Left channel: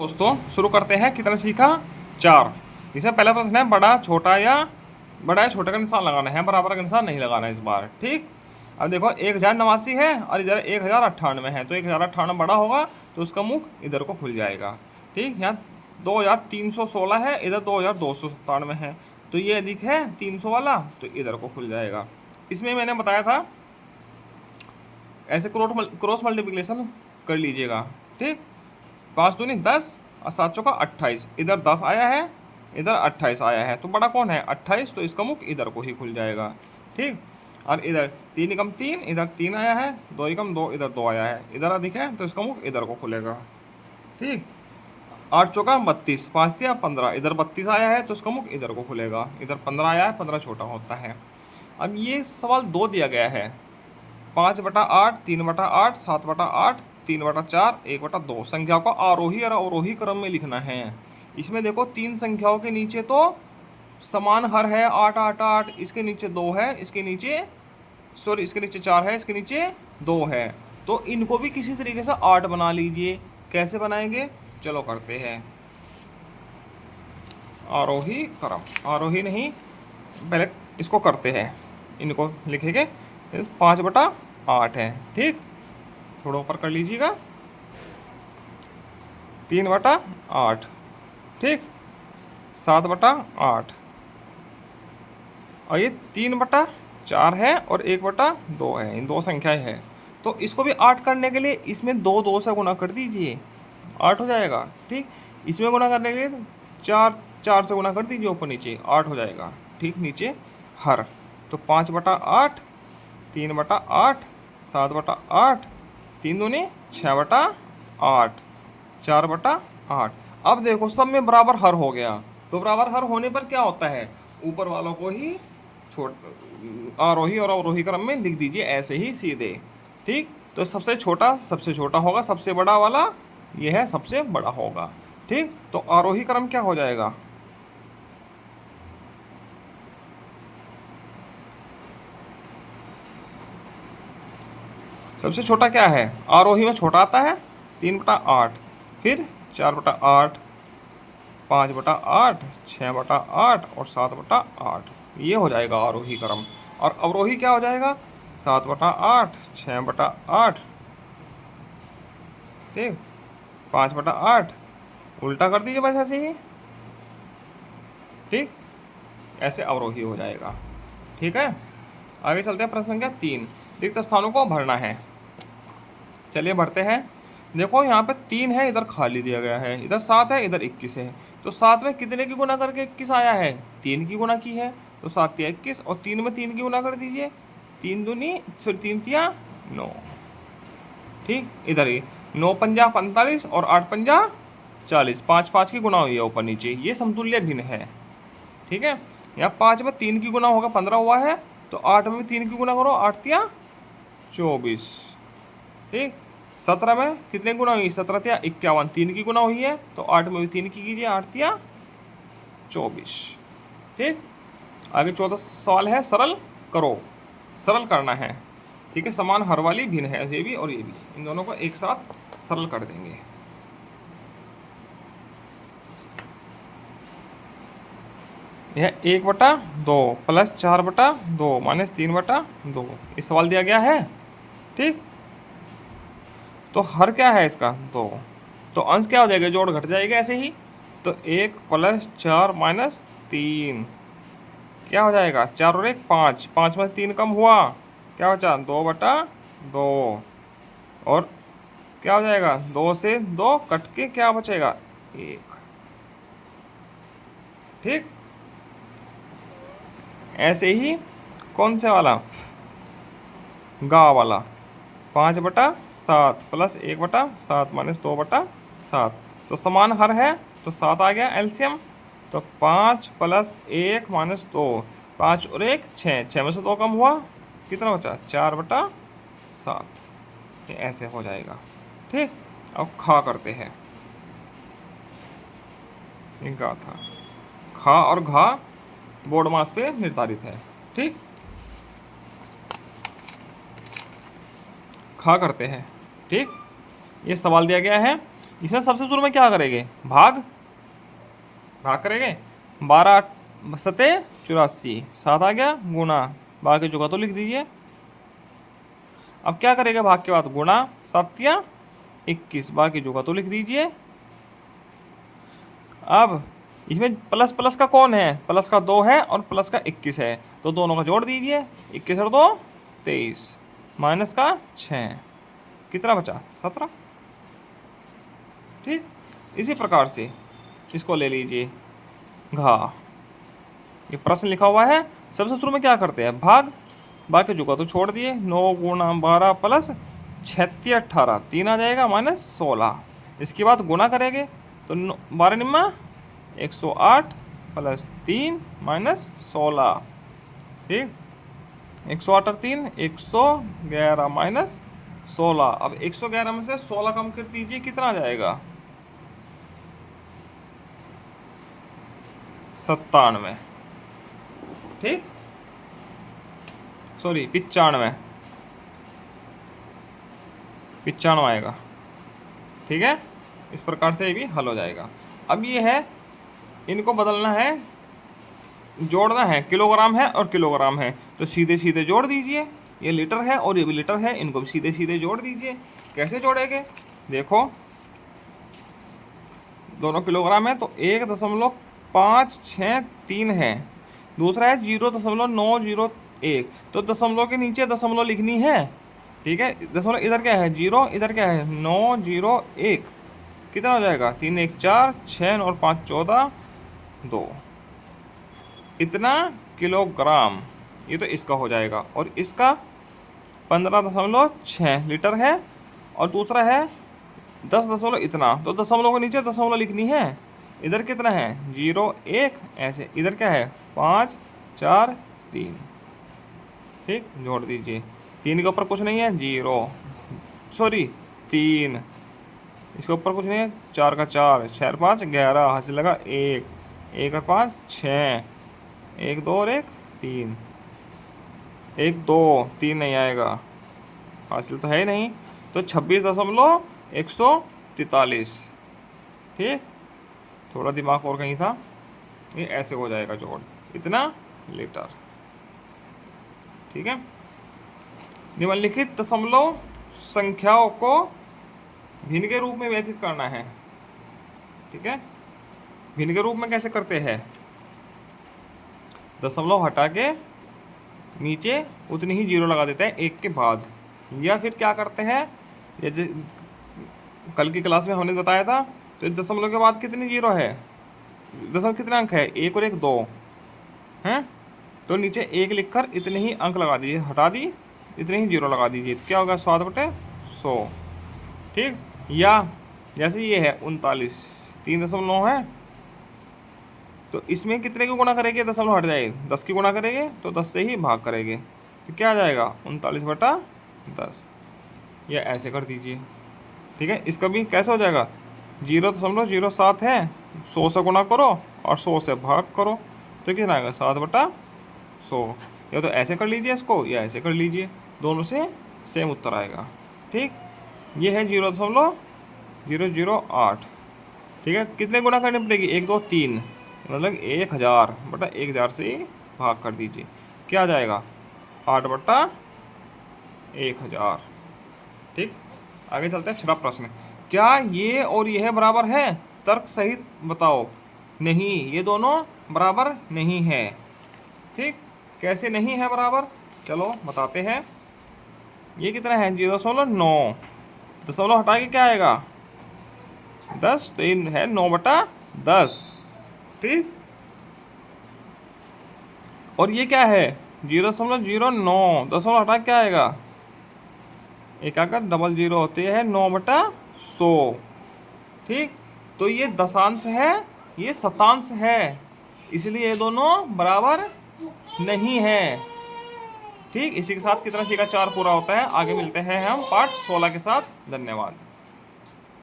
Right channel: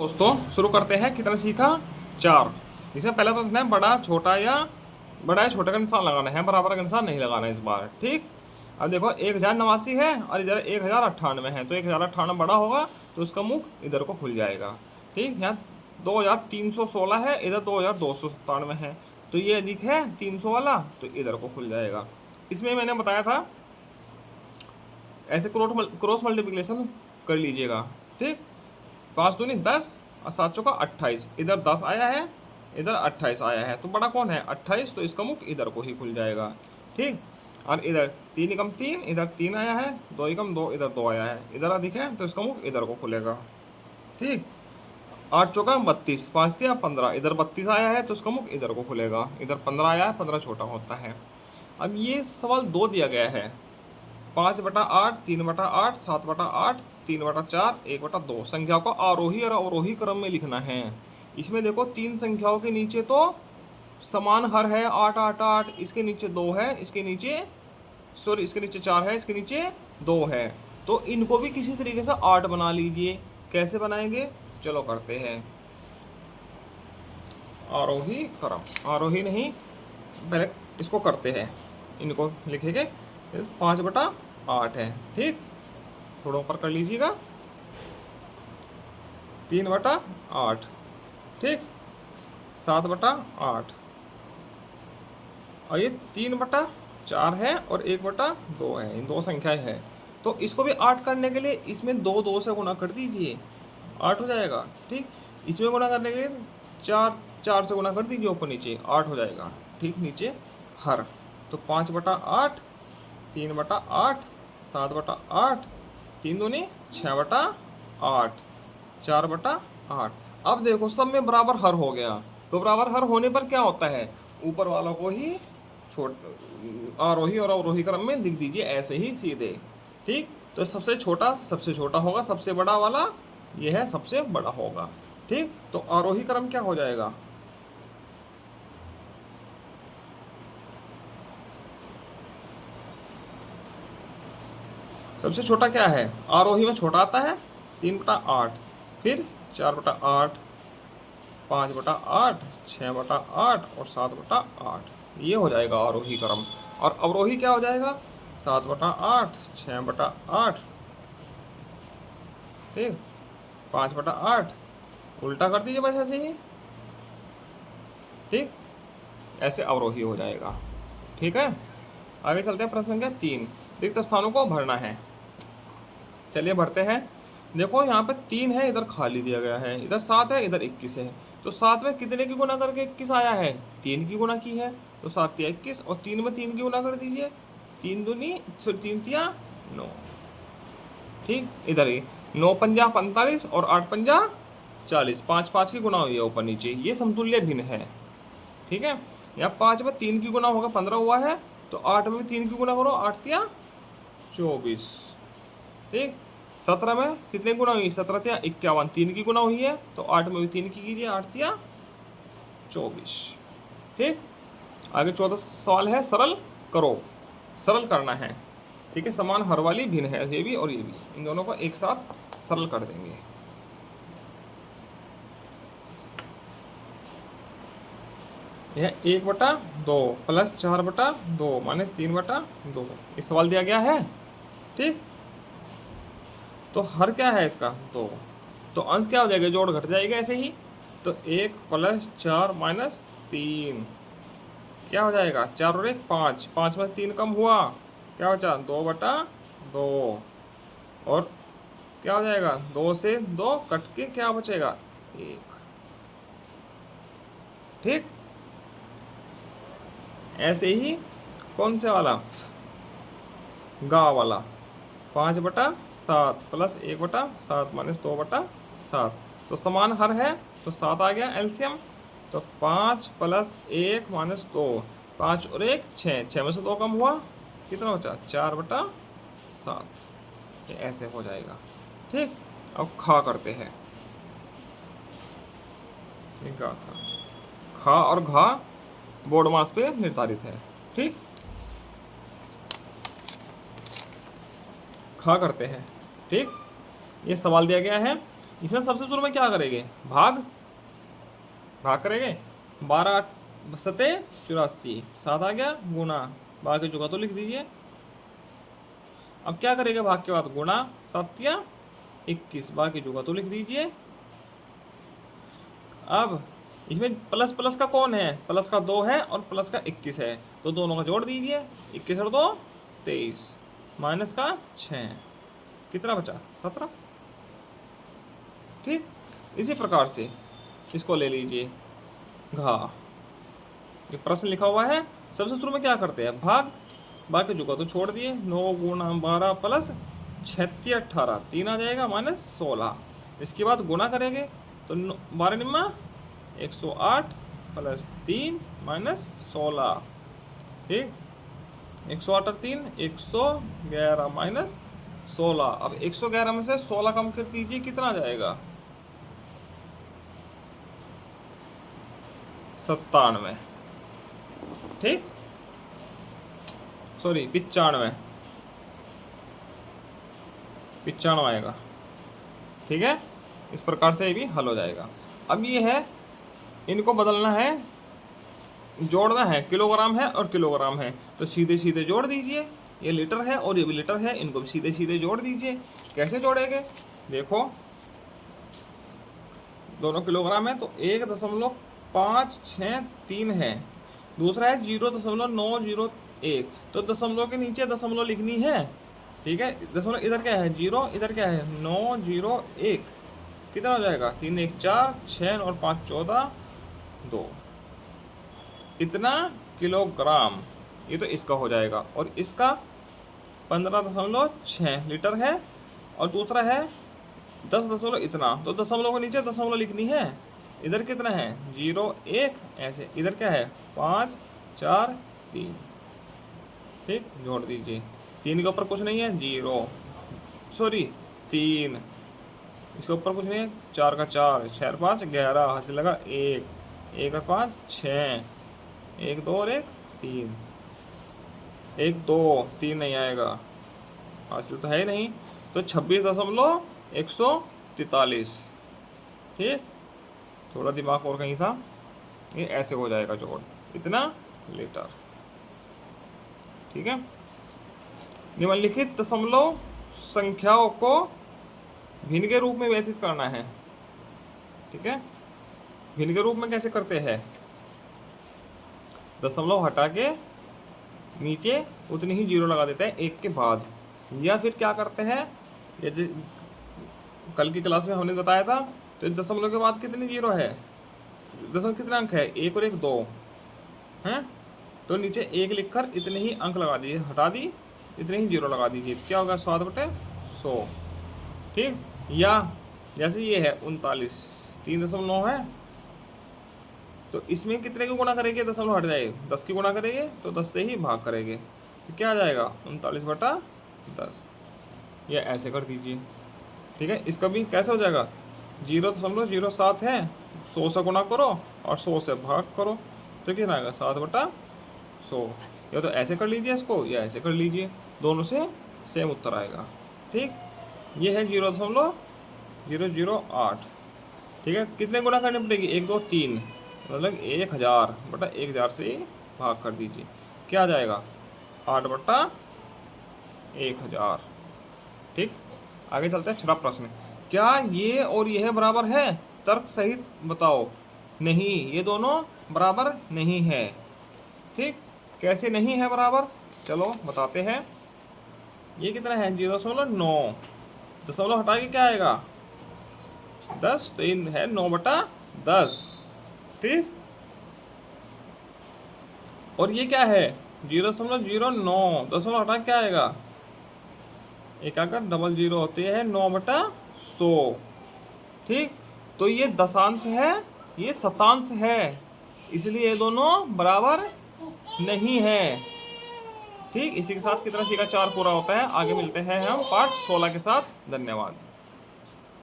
दोस्तों शुरू करते हैं। कितने सीखा? 4। इसमें पहला प्रश्न है बड़ा या छोटा का निशान लगाना है, बराबर का निशान नहीं लगाना है इस बार। ठीक। अब देखो 1089 है और इधर 1098 है, तो 1098 बड़ा होगा तो उसका मुख इधर को खुल जाएगा। ठीक। यहाँ 2316 है, इधर 2297 है, तो ये अधिक है 300 वाला, तो इधर को खुल जाएगा। इसमें मैंने बताया था ऐसे क्रॉस मल्टीप्लिकेशन कर लीजिएगा। ठीक। 5 दूनी 10 और 7 चौका 28, इधर 10 आया है, इधर 28 आया है, तो बड़ा कौन है? 28, तो इसका मुख इधर को ही खुल जाएगा। ठीक। और इधर 3 एकम 3, इधर 3 आया है, 2 एकम 2, इधर 2 आया है, इधर अधिक है तो इसका मुख इधर को खुलेगा। ठीक। 8 चौका 32, 5 दिया 15, इधर 32 आया है तो इसका मुख इधर को खुलेगा, इधर 15 आया है, 15 छोटा होता है। अब ये सवाल 2 दिया गया है, 5/8, 3/8, 7/8, 3/4, 1/2 संख्याओं का आरोही और अवरोही क्रम में लिखना है। इसमें देखो 3 संख्याओं के नीचे तो समान हर है, 8 8 8, इसके नीचे 2 है, इसके नीचे इसके नीचे 4 है, इसके नीचे 2 है, तो इनको भी किसी तरीके से 8 बना लीजिए। कैसे बनाएंगे? चलो करते हैं। आरोही क्रम, आरोही नहीं, पहले इसको करते हैं, इनको लिखेंगे। 5/8 है। ठीक। थोड़ा ऊपर कर लीजिएगा, 3/8। ठीक। 7/8 और ये 3/4 है और 1/2 है, इन 2 संख्याएं हैं, तो इसको भी 8 करने के लिए इसमें 2 2 से गुना कर दीजिए, 8 हो जाएगा। ठीक। इसमें गुना करने के लिए 4 4 से गुना कर दीजिए, ऊपर नीचे 8 हो जाएगा। ठीक। नीचे हर, तो 5/8, 3/8, 7/8, 3 दूनी 6/8, 4/8। अब देखो सब में बराबर हर हो गया, तो बराबर हर होने पर क्या होता है? ऊपर वालों को ही आरोही और अवरोही क्रम में लिख दीजिए, ऐसे ही सीधे। ठीक। तो सबसे छोटा होगा, सबसे बड़ा वाला ये है, सबसे बड़ा होगा। ठीक। तो आरोही क्रम क्या हो जाएगा? सबसे छोटा क्या है? आरोही में छोटा आता है 3/8, फिर 4/8, 5/8, 6/8 और 7/8, ये हो जाएगा आरोही क्रम। और अवरोही क्या हो जाएगा? 7/8, 6/8, ठीक, 5/8, उल्टा कर दीजिए बस ऐसे ही। ठीक। ऐसे अवरोही हो जाएगा। ठीक है। आगे चलते हैं। प्रश्न संख्या 3, रिक्त स्थानों को भरना है। चलिए भरते हैं। देखो यहाँ पे 3 है, इधर खाली दिया गया है, इधर 7 है, इधर 21 है, तो 7 में कितने की गुना करके 21 आया है? 3 की गुना की है, तो 7 या 21, और 3 में 3 की गुना कर दीजिए, 3 दूनी फिर 3 तिया 9। ठीक। इधर ही 9 पंजा 45 और 8 पंजा 40, 5 5 की गुना हुई है ऊपर नीचे, ये समतुल्य भिन्न है। ठीक है। यहाँ 5 में 3 की गुना होगा 15 हुआ है, तो 8 में भी 3 की गुना करो, 8 तिया 24। ठीक। 17 में कितने गुना हुई? 17 तिया 51, 3 की गुना हुई है, तो 8 में भी 3 की कीजिए, 8 तिया 24। ठीक। आगे 14 सवाल है, सरल करो। सरल करना है। ठीक है। समान हर वाली भिन्न है, ये भी और ये भी, इन दोनों को एक साथ सरल कर देंगे। यह 1/2 प्लस 4/2 माइनस 3/2, ये सवाल दिया गया है। ठीक। तो हर क्या है इसका? 2, तो अंश क्या हो जाएगा? जोड़ घट जाएगा ऐसे ही, तो 1 + 4 - 3 क्या हो जाएगा? 4 और 1 5, 5 में 3 कम हुआ, क्या बचा? 2/2, और क्या हो जाएगा? 2 से 2 कट के क्या बचेगा? 1। ठीक। ऐसे ही कौन से वाला? गा वाला, 5/7 प्लस 1/7 माइनस 2/7, तो समान हर है, तो 7 आ गया एलसीएम, तो 5 + 1 - 2, 5 और 1 6, 6 में से 2 कम हुआ, कितना बचा? 4/7, ये ऐसे हो जाएगा। ठीक। अब खा करते हैं। इनका था खा और घा बोर्ड मास पे निर्धारित है। ठीक। खा करते हैं। ठीक। ये सवाल दिया गया है इसमें सबसे शुरू में क्या करेंगे, भाग करेंगे। 12 सते 84, 7 आ गया, गुना, बाकी जो का तो लिख दीजिए। अब क्या करेंगे, भाग के बाद गुणा, 7 या 21, बाकी जो का तो लिख दीजिए। अब इसमें प्लस प्लस का कौन है, प्लस का 2 है और प्लस का 21 है, तो दोनों का जोड़ दीजिए। 21 और 2 23, माइनस का 6, कितना बचा 17। ठीक, इसी प्रकार से इसको ले लीजिए घा। ये प्रश्न लिखा हुआ है, सबसे शुरू में क्या करते हैं, भाग, बाकी जो का तो छोड़ दिए। 9 गुणा 12 प्लस 36 18, 3 आ जाएगा, माइनस 16। इसके बाद गुणा करेंगे तो 12 निम्मा 108 प्लस 3 माइनस 16। ठीक, 108 और 3 111 माइनस 16। अब 111 में से 16 कम कर दीजिए, कितना आ जाएगा 97। ठीक, सॉरी 95 आएगा। ठीक है, इस प्रकार से ये भी हल हो जाएगा। अब ये है, इनको बदलना है, जोड़ना है, किलोग्राम है और किलोग्राम है, तो सीधे सीधे जोड़ दीजिए। ये लीटर है और ये भी लीटर है, इनको भी सीधे सीधे जोड़ दीजिए। कैसे जोड़ेंगे, देखो दोनों किलोग्राम है तो 1.563 है, दूसरा है 0.901, तो दशमलव के नीचे दशमलव लिखनी है। ठीक है, दशमलव इधर क्या है 0, इधर क्या है 901, कितना हो जाएगा 3 1 4, 6 और 5 14, 2, इतना किलोग्राम। ये तो इसका हो जाएगा, और इसका 15.6 लीटर है, और दूसरा है 10 इतना, तो दशमलव के नीचे दशमलव लिखनी है। इधर कितना है 0 1, ऐसे, इधर क्या है 5 4 3। ठीक, जोड़ दीजिए। 3 के ऊपर कुछ नहीं है, 0, सॉरी 3, इसके ऊपर कुछ नहीं है, 4 का 4, 6 5 11, हासिल लगा 1, 1 और 5 6, 1 2 और 1 3, 1 2 3 नहीं आएगा, हासिल तो है ही नहीं, तो 26.143। ठीक, थोड़ा दिमाग और कहीं था, ये ऐसे हो जाएगा जोड़, इतना लीटर। ठीक है, निम्नलिखित दशमलव संख्याओं को भिन्न के रूप में व्यतीत करना है। ठीक है, भिन्न के रूप में कैसे करते हैं, दशमलव हटा के नीचे उतनी ही जीरो लगा देते हैं एक के बाद, या फिर क्या करते हैं, ये कल की क्लास में हमने बताया था, तो इस दशमलव के बाद कितनी जीरो है, दशमलव कितने अंक है 1 और 1 2 हैं, तो नीचे 1 लिखकर इतने ही अंक लगा दीजिए, हटा दी इतने ही जीरो लगा दीजिए, तो क्या होगा 7/100। ठीक, या जैसे ये है 39, 3.9 है, तो इसमें कितने की गुणा करेंगे, दशमलव हट जाएगी, 10 की गुणा करेंगे तो 10 से ही भाग करेंगे, तो क्या आ जाएगा 39/10, या ऐसे कर दीजिए। ठीक है, इसका भी कैसे हो जाएगा, 0.07 है, 100 से गुणा करो और 100 से भाग करो, तो कितना आएगा 7/100। या तो ऐसे कर लीजिए इसको, या ऐसे कर लीजिए, दोनों से सेम उत्तर आएगा। ठीक, ये है 0.008। ठीक है, कितने गुना करनी पड़ेगी, 1 2 3, मतलब 1000/1000 से भाग कर दीजिए, क्या आ जाएगा 8/1000। ठीक, आगे चलते हैं। छठा प्रश्न, क्या ये और यह बराबर है, तर्क सहित बताओ। नहीं, ये दोनों बराबर नहीं है। ठीक, कैसे नहीं है बराबर, चलो बताते हैं। ये कितना है 0.9, दशमलव हटा के क्या आएगा 10, तो इन है 9/10। ठीक, और ये क्या है 0.09, दशमलव हटा क्या आएगा, एक आकर 00 होते हैं 9/100। ठीक, तो ये दशांश है, ये शतांश है, इसलिए ये दोनों बराबर नहीं है। ठीक, इसी के साथ कितना सीखा 4 पूरा होता है। आगे मिलते हैं हम पार्ट 16 के साथ। धन्यवाद।